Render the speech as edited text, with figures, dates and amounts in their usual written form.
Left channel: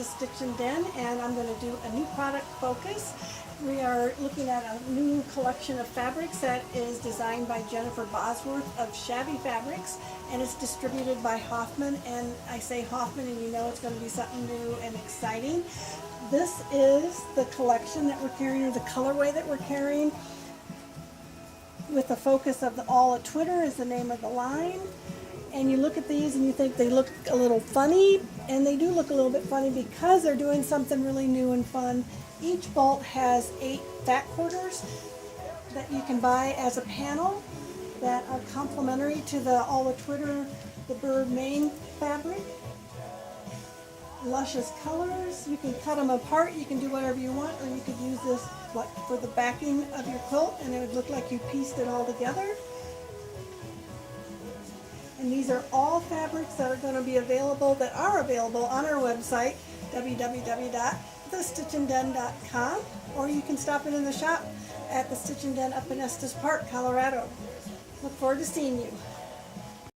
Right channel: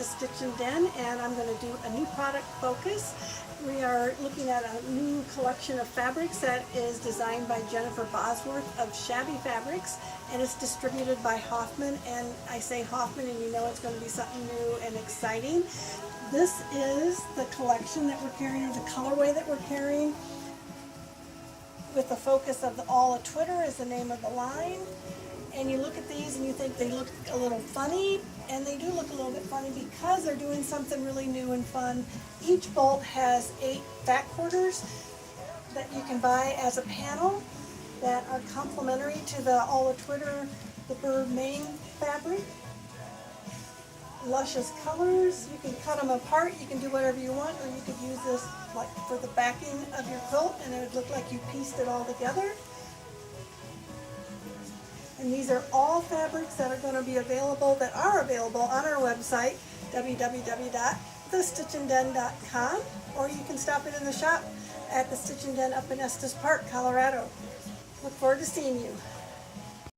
the Stitchin Den, and I'm going to do a new product focus. We are looking at a new collection of fabrics that is designed by Jennifer Bosworth of Shabby Fabrics, and it's distributed by Hoffman. And I say Hoffman, and you know it's going to be something new and exciting. This is the collection that we're carrying, the colorway that we're carrying, with the focus of the All a Twitter is the name of the line. And you look at these and you think they look a little funny, and they do look a little bit funny because they're doing something really new and fun. Each bolt has 8 fat quarters that you can buy as a panel that are complementary to the All a Twitter, the bird mane fabric. Luscious colors. You can cut them apart, you can do whatever you want, or you could use this like for the backing of your quilt and it would look like you pieced it all together. And these are all fabrics that are going to be available, that are available on our website, www.thestitchinden.com, or you can stop in the shop at the Stitchin Den up in Estes Park, Colorado. Look forward to seeing you.